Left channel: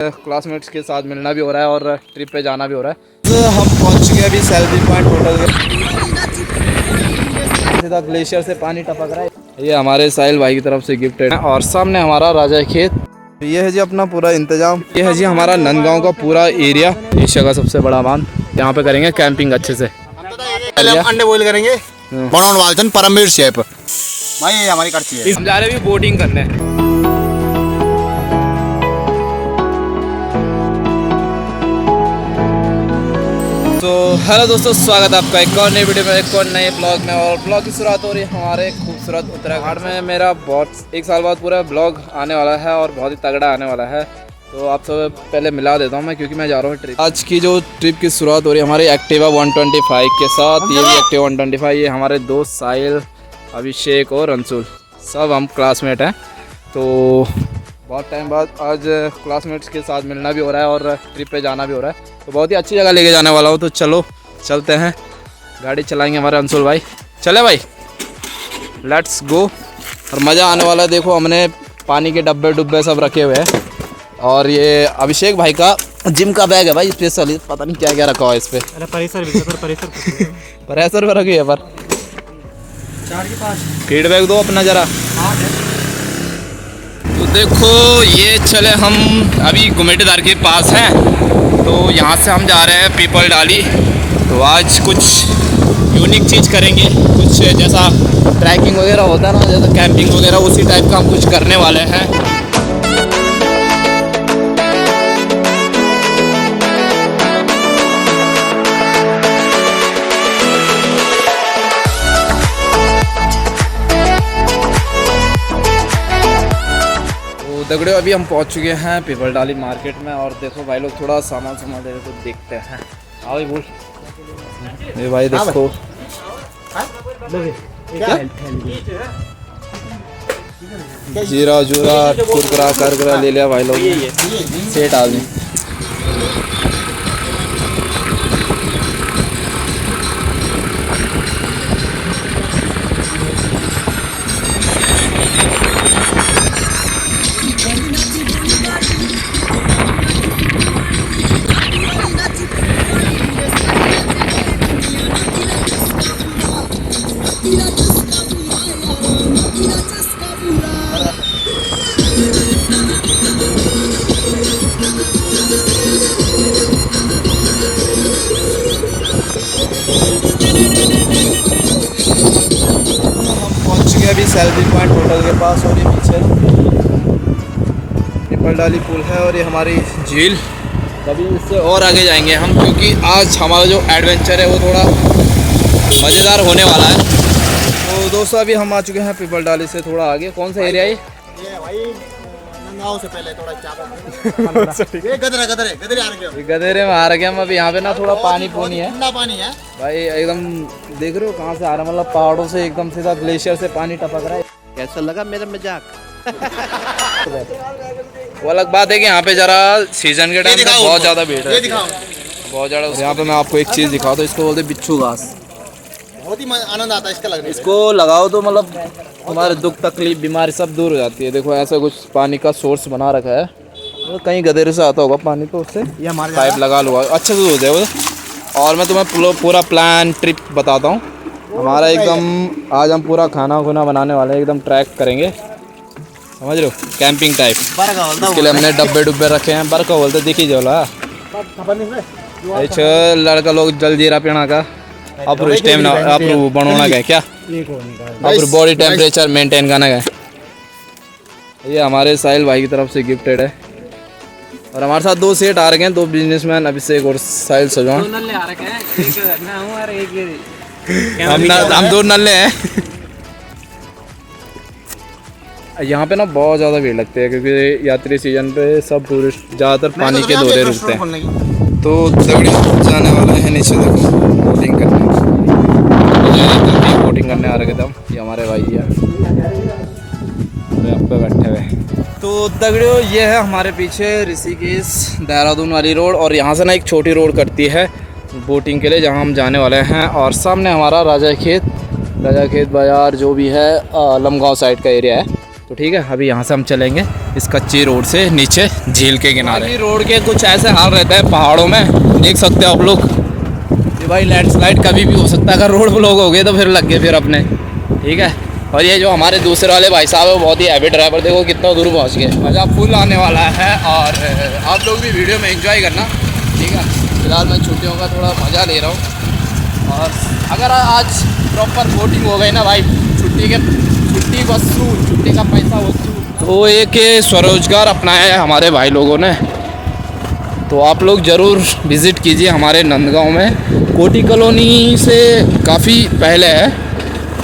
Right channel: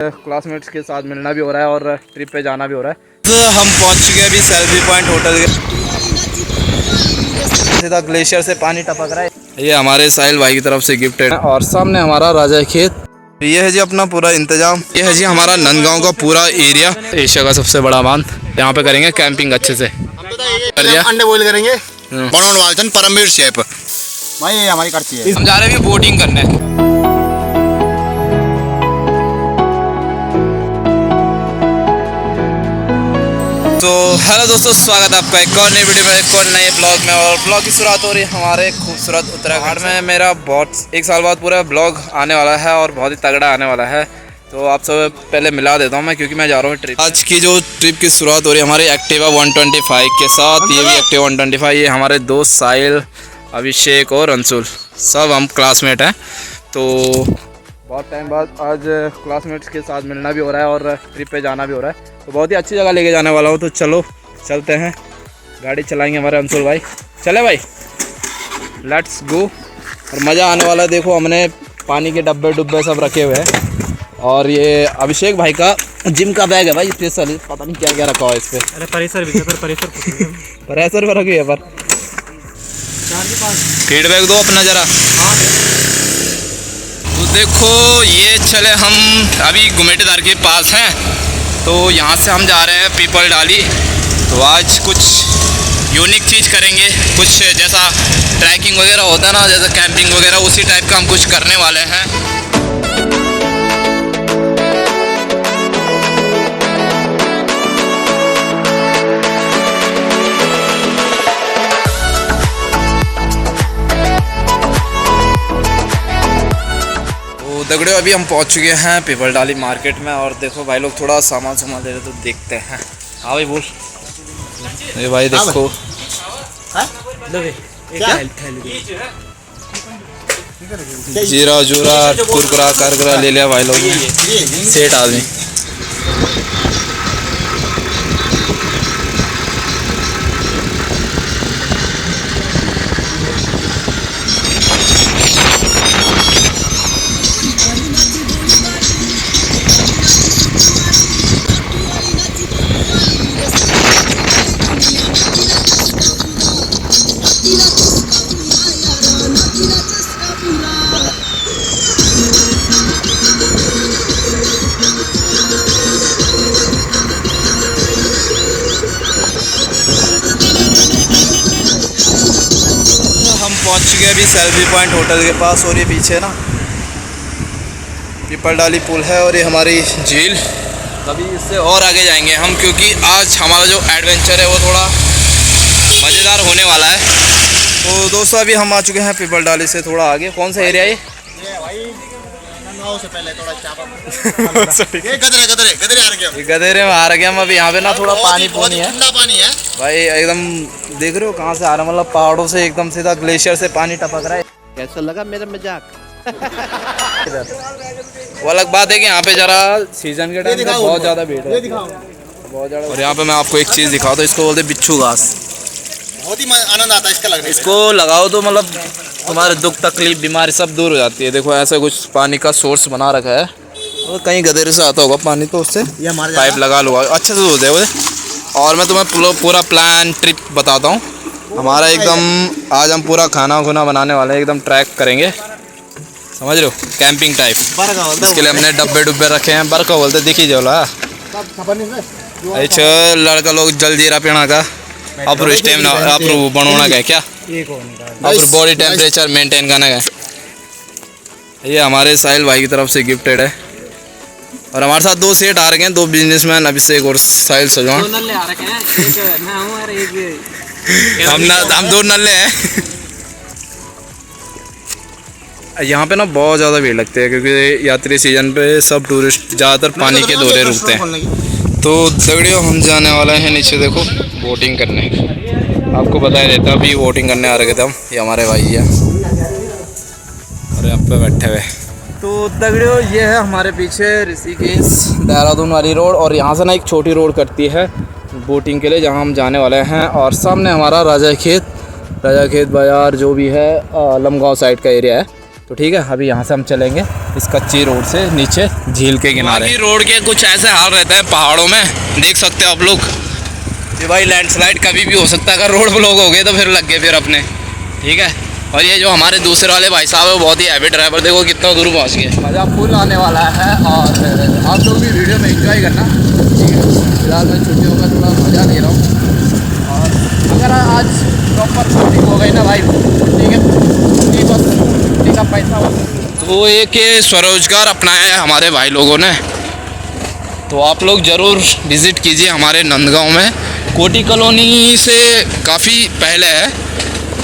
Classmates के साथ मिलना भी हो रहा है और ट्रिप पे जाना भी हो रहा है। तो हम पहुंच चुके हैं अभी सेल्फी पॉइंट होटल के। सीधा ग्लेशियर से पानी टपक रहा है। ये हमारे साहिल भाई की तरफ से गिफ्ट है और सामने हमारा राजा खेत। ये है जी अपना पूरा इंतजाम। ये है जी हमारा नंदगांव का पूरा एरिया, एशिया का सबसे बड़ा बांध। यहाँ पे करेंगे कैंपिंग अच्छे से। अंडे बॉईल करेंगे परमवीर शेफ भाई, ये हमारी कच्ची है। हम जा रहे हैं बोटिंग करने। तो हेलो दोस्तों, स्वागत है आपका एक और नई वीडियो में, एक और नए ब्लॉग में। और ब्लॉग की शुरुआत हो रही है हमारे खूबसूरत उत्तराखंड में। मेरा बहुत एक साल बाद पूरा ब्लॉग आने वाला है और बहुत ही तगड़ा आने वाला है। तो आप सब पहले मिला देता हूँ मैं, क्योंकि मैं जा रहा हूँ ट्रिप। आज की जो ट्रिप की शुरुआत हो रही है हमारी एक्टिवा 125 के साथ। ये भी एक्टिवा 125। ये हमारे दोस्त साहिल, अभिषेक और अंशुल, सब हम क्लासमेट हैं। तो बहुत टाइम बाद आज क्लासमेट्स के साथ मिलना भी हो रहा है और ट्रिप पे जाना भी हो रहा है। तो बहुत ही अच्छी जगह लेके जाने वाला हूँ। तो चलो चलते हैं, गाड़ी चलाएंगे हमारे अंशुल भाई। चले भाई, लेट्स गो। और मज़ा आने वाला है। देखो हमने पानी के डब्बे सब रखे हुए हैं। और ये अभिषेक भाई का जिम का बैग है भाई, स्पेशल। पता नहीं क्या क्या रखा हुआ है इस पर। अरे प्रेशर पर रखी है पर। फीडबैक दो अपना ज़रा। तो देखो ये चले हम अभी गुमेटेदार के पास हैं। तो यहाँ से हम जा रहे हैं पीपल डाली। तो आज कुछ यूनिक चीज़ करेंगे, कुछ जैसा ट्रैकिंग वगैरह होता है ना, जैसा कैंपिंग वगैरह, उसी टाइप का हम कुछ करने वाले हैं। दगड़े अभी हम पहुंच चुके हैं पीपल डाली मार्केट में। और देखो भाई लोग थोड़ा सामान दे रहे, तो देखते हैं। हाँ भाई बोल। ये भाई देखो जीरा जूरा कुरकुरा करकुरा ले लिया भाई लोग, सेठ आदमी। अभी सेल्फी पॉइंट होटल के पास। और ये पीछे ना पीपल डाली पुल है और ये हमारी झील। कभी इससे और आगे जाएंगे हम, क्योंकि आज हमारा जो एडवेंचर है वो थोड़ा मज़ेदार होने वाला है। तो दोस्तों अभी हम आ चुके हैं पीपल डाली से थोड़ा आगे। कौन सा एरिया है ये? गधेरे में आ रखे हम अभी। यहाँ पे ना थोड़ा पानी है भाई, एकदम देख रहे हो कहाँ से आ रहा है, मतलब पहाड़ों से एकदम सीधा ग्लेशियर से पानी टपक रहा है। कैसा लगा मेरा मजाक? वो अलग बात है कि यहाँ पे जरा सीजन के टाइम पे बहुत ज़्यादा भीड़ है, बहुत ज़्यादा। और यहाँ पे मैं आपको एक चीज़ दिखाता हूँ, इसको बोलते बिच्छू घास। बहुत ही आनंद आता है इसका लगने। इसको लगाओ तो मतलब तुम्हारे दुख तकलीफ बीमारी सब दूर हो जाती है। देखो ऐसा कुछ पानी का सोर्स बना रखा है। तो कहीं गधेरे से आता होगा पानी, तो उससे पाइप लगा लूँगा, अच्छे से धोते हैं। और मैं तुम्हें पूरा प्लान ट्रिप बताता हूँ हमारा। एकदम आज हम पूरा खाना बनाने वाले हैं, एकदम ट्रैक करेंगे, समझ रहे हो, कैंपिंग टाइप। इसके लिए हमने डब्बे रखे हैं। बरका बोलते दिखी जोला। अच्छा लड़का लोग जलजीरा पीना का अप्रू स्टेमिना अप्रू बनोना का क्या, अप्रू बॉडी टेम्परेचर मेंटेन करना का। ये हमारे साहिल भाई की तरफ से गिफ्टेड है। और हमारे साथ दो सेठ आ रखे हैं, दो बिजनेसमैन, अभिषेक और साहिल सजवान। हम दो नल्ले हैं। यहाँ पे ना बहुत ज़्यादा भीड़ लगती है, क्योंकि यात्री सीजन पे सब टूरिस्ट ज़्यादातर पानी के दौरे रुकते हैं। तो दगड़ियों हम जाने वाले हैं नीचे, देखो बोटिंग करने। आपको पता ही रहता है, अभी बोटिंग करने आ रखे थे हम। ये हमारे भाई है और यहाँ पे बैठे हुए। तो दगड़ियों ये है हमारे पीछे ऋषिकेश देहरादून वाली रोड। और यहाँ से ना एक छोटी रोड कटती है बोटिंग के लिए, जहाँ हम जाने वाले हैं। और सामने हमारा राजा खेत बाजार जो भी है लमगांव साइड का एरिया है। तो ठीक है, अभी यहाँ से हम चलेंगे इस कच्ची रोड से नीचे झील के किनारे। रोड के कुछ ऐसे हाल रहते हैं पहाड़ों में, देख सकते हो आप लोग कि भाई लैंडस्लाइड कभी भी हो सकता है। अगर रोड ब्लॉक हो गए तो फिर लग गए फिर अपने, ठीक है। और ये जो हमारे दूसरे वाले भाई साहब है वो बहुत ही हैवी ड्राइवर, देखो कितना दूर पहुँच गए। मज़ा फुल आने वाला है और आप लोग भी वीडियो में एंजॉय करना, ठीक है। फिलहाल मैं छुट्टियों का थोड़ा मज़ा ले रहा हूँ और अगर आज प्रॉपर शूटिंग हो गई ना भाई, छुट्टी का पैसा तो एक ये स्वरोजगार अपनाया है हमारे भाई लोगों ने। तो आप लोग ज़रूर विज़िट कीजिए हमारे नंदगांव में, कोटी कॉलोनी से काफ़ी पहले है।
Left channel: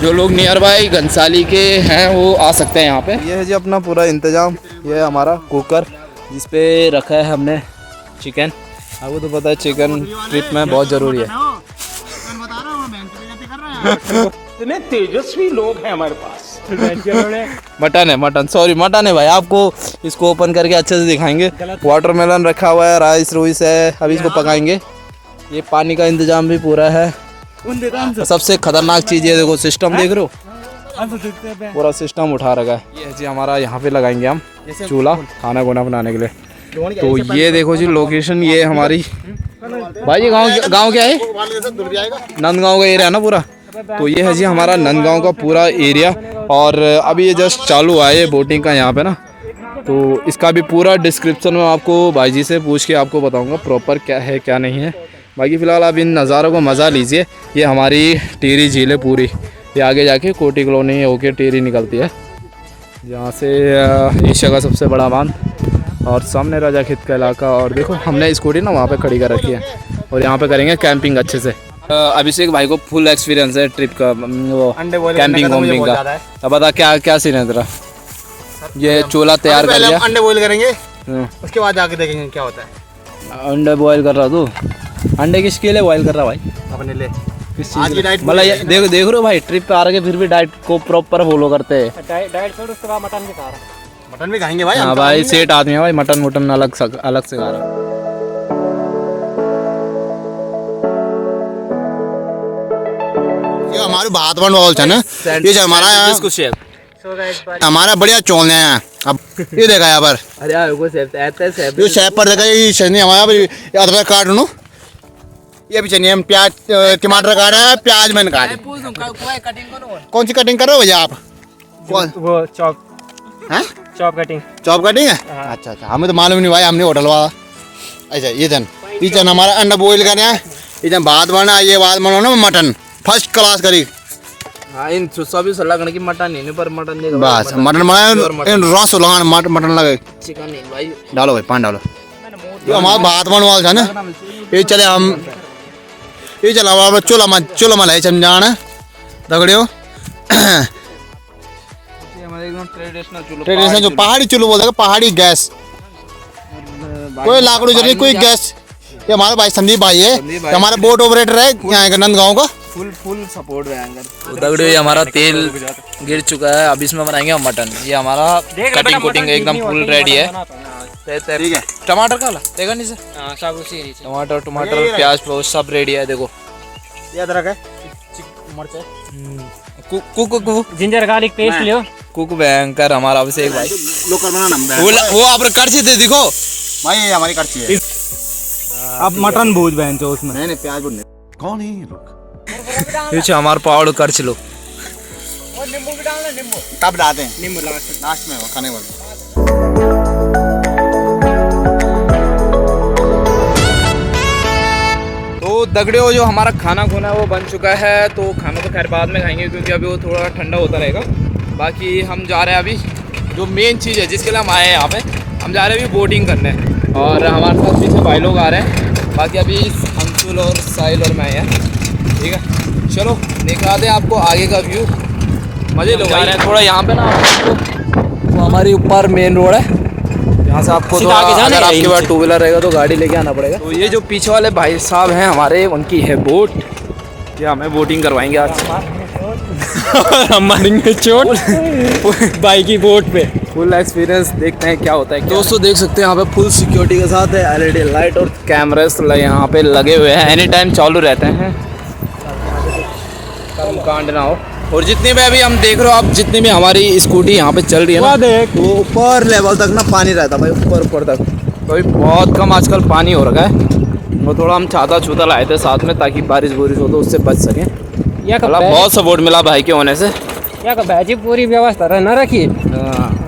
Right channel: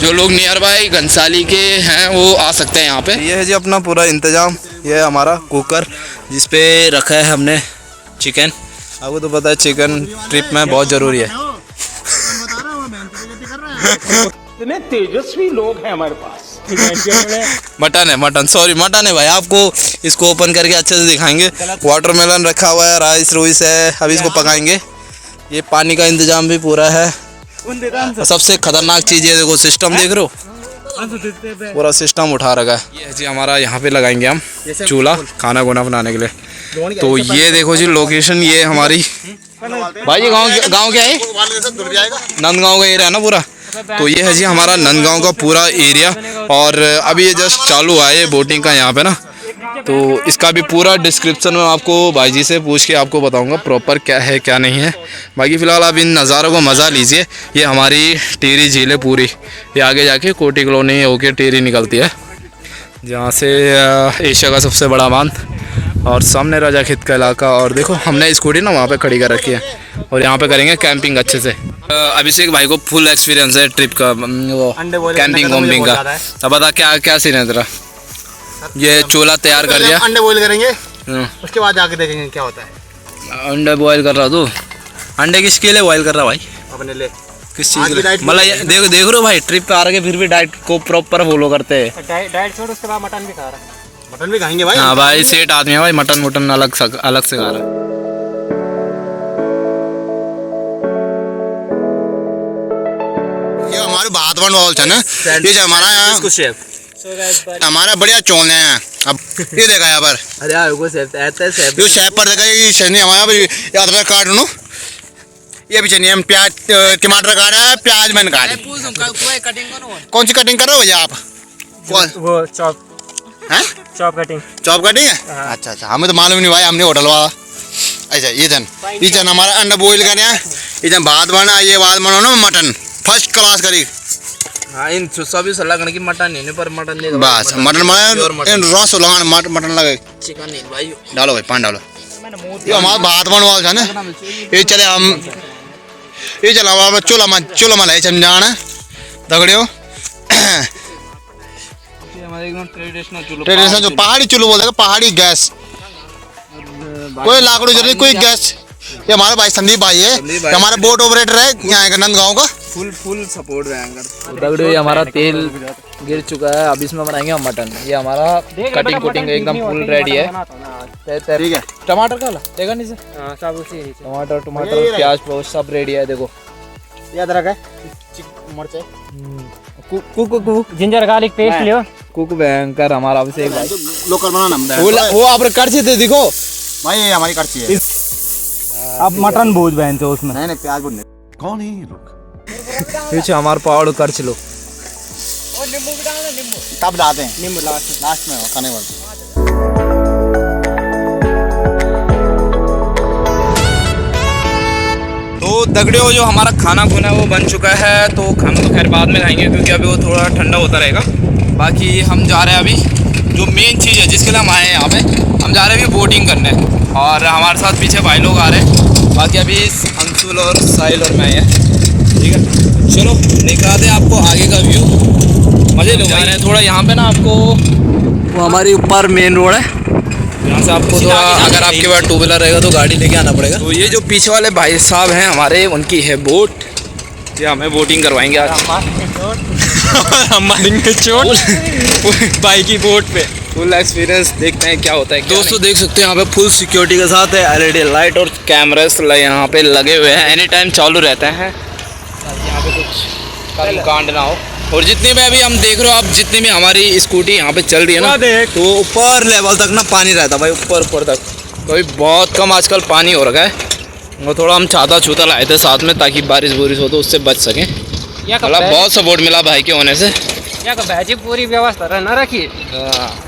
जो लोग नियर बाय घनसाली के हैं वो आ सकते हैं यहाँ पे। ये है जी अपना पूरा इंतज़ाम, ये है हमारा कुकर जिस पे रखा है हमने चिकन। आपको तो पता है चिकन ट्रिप में बहुत ज़रूरी है। इतने तेजस्वी लोग हैं हमारे पास। मटन है, मटन, सॉरी मटन है भाई। आपको इसको ओपन करके अच्छे से दिखाएंगे। वाटरमेलन रखा हुआ है, राइस रोइस है, अभी इसको पकाएंगे। ये पानी का इंतजाम भी पूरा है। सबसे खतरनाक चीज़ ये देखो, सिस्टम देख रहे हो, पूरा सिस्टम उठा रखा है। ये जी हमारा यहाँ पे लगाएंगे हम चूल्हा खाना गुना बनाने के लिए। तो ये देखो जी लोकेशन, ये हमारी भाई जी गाँव क्या है, नंदगांव का एरिया है ना पूरा। तो ये है जी हमारा नंदगांव का पूरा एरिया और अभी ये जस्ट चालू हुआ है ये बोटिंग का यहाँ पे ना। तो इसका भी पूरा डिस्क्रिप्शन में आपको भाई जी से पूछ के आपको बताऊंगा प्रॉपर क्या है क्या नहीं है। बाकी फ़िलहाल आप इन नज़ारों को मज़ा लीजिए। ये हमारी टिहरी झील है पूरी, ये आगे जाके कोटी कॉलोनी होके टिहरी निकलती है, जहाँ से एशिया का सबसे बड़ा बांध और सामने राजा खेत का इलाका। और देखो हमने स्कूटी ना वहाँ पे खड़ी कर रखी है और यहाँ पे करेंगे कैंपिंग अच्छे से। अभिषेक भाई को फुल एक्सपीरियंस है ट्रिप का, वो कैंपिंग वॉम्पिंग का। अब बता क्या क्या सीन है तेरा। ये चूल्हा तैयार कर लिया, अंडे बॉईल करेंगे, उसके बाद जाके देखेंगे क्या होता है। अंडे बॉयल कर रहा तू? अंडे किसके लिए बॉयल कर रहा भाई? अपने लिए। किस चीज़ के लिए? मतलब देखो देख रहे हो भाई, ट्रिप पे आ रहे फिर भी डाइट को प्रॉपर फॉलो करते हैं। डाइट छोड़, उसके बाद मटन भी खा रहा है। मटन भी खाएंगे भाई। हाँ भाई, सेठ आदमी है भाई, मटन अलग से खा रहा है। ये हमारे भातवन वाल है ना, ये जो हमारा यहाँ हमारा बढ़िया चौल है। अब ये देखा यहाँ पर, अरे ये शेफ पर देखा, ये चटनी हमारा अदरक काट लो, ये भी चटनी हम प्याज टमाटर काट रहे हैं, प्याज मैंने काटी। कौन सी कटिंग कर रहे हो भैया आप? कौन वो चॉप है? Chop cutting. चॉप कटिंग है? अच्छा अच्छा, हमें तो मालूम नहीं भाई, हमने होटल वाला। अच्छा ये जन हमारा अंडा बॉईल कर हैं, ये जन भात बना, ये भात बना ना मटन फर्स्ट क्लास करी। हाँ, इन सुसा भी सलाह करने की मटन नहीं पर मटन नहीं, बस मटन बना, इन रस लगाना मटन लगे। चिकन नहीं भाई, डालो भाई पान डालो। ये हमारा भात बन वाला था ना, ये चले हम ये चला हमारा चूल्हा में जाना दगड़ियो। ट्रेडिशनल जो पहाड़ी चूल्हा बोलते हैं, पहाड़ी गैस, कोई लाकड़ू जरूरी, कोई गैस। ये हमारे भाई संदीप भाई है, हमारा बोट ऑपरेटर है यहाँ का नंदगांव का। फुल सपोर्ट रहेंगे। तो दगड़ियो ये हमारा तेल गिर चुका है, अब इसमें बनाएंगे हम मटन। ये हमारा कटिंग कुटिंग एकदम फुल रेडी है। ठीक है, टमाटर का देखा नहीं सर, टमाटर प्याज सब रेडी है। देखो ये अदरक है, जिंजर गार्लिक पेस्ट लियो। कुक भयंकर हमारा अभिषेक भाई, लोकल बनाना वो आप कड़छी थे देखो भाई, ये हमारी कड़छी है। अब मटन भूज बहन तो उसमें नहीं प्याज भूनने। कौन है ये लोग? पीछे हमारे पहाड़ करछ लो। और नींबू भी डालना, नींबू तब डालते हैं, नींबू लास्ट में खाने वाले। तो दगड़ियों जो हमारा खाना खुना है वो बन चुका है। तो खाना तो खैर बाद में खाएंगे क्योंकि अभी वो थोड़ा ठंडा होता रहेगा। बाकी हम जा रहे हैं अभी, जो मेन चीज़ है जिसके लिए हम आए हैं यहाँ पे, हम जा रहे हैं अभी बोटिंग करने और हमारे साथ पीछे भाई लोग आ रहे हैं। बाकी अभी अंशुल और साहिल और मैं हैं, ठीक है। चलो दिखाते हैं आपको आगे का व्यू, मज़े लो भाई। थोड़ा यहाँ पे ना आपको वो हमारी ऊपर मेन रोड है, यहाँ से आपको तो अगर आपके पास टू व्हीलर रहेगा तो गाड़ी लेके आना पड़ेगा। तो ये जो पीछे वाले भाई साहब हैं हमारे, उनकी है बोट, ये हमें बोटिंग करवाएंगे आज। मारेंगे चोट भाई की बोट पे। फुल एक्सपीरियंस, देखते हैं क्या होता है। दोस्तों देख सकते हैं यहाँ पे फुल सिक्योरिटी के साथ है, एलईडी लाइट और कैमरास यहाँ पे लगे हुए हैं, एनी टाइम चालू रहते हैं। यहाँ पे कुछ कांड ना हो, और जितनी भी अभी हम देख रहे हो आप, जितनी भी हमारी स्कूटी यहाँ पे चल रही है ना, तो ऊपर लेवल तक ना पानी रहता भाई, ऊपर तक। तो अभी बहुत कम आजकल पानी हो रखा है। वो थोड़ा हम छाता छूता लाए थे साथ में, ताकि बारिश बुरिश हो तो उससे बच सकें। मतलब बहुत सपोर्ट मिला भाई के होने से। या का भाजी पूरी व्यवस्था रह ना रखी। हाँ।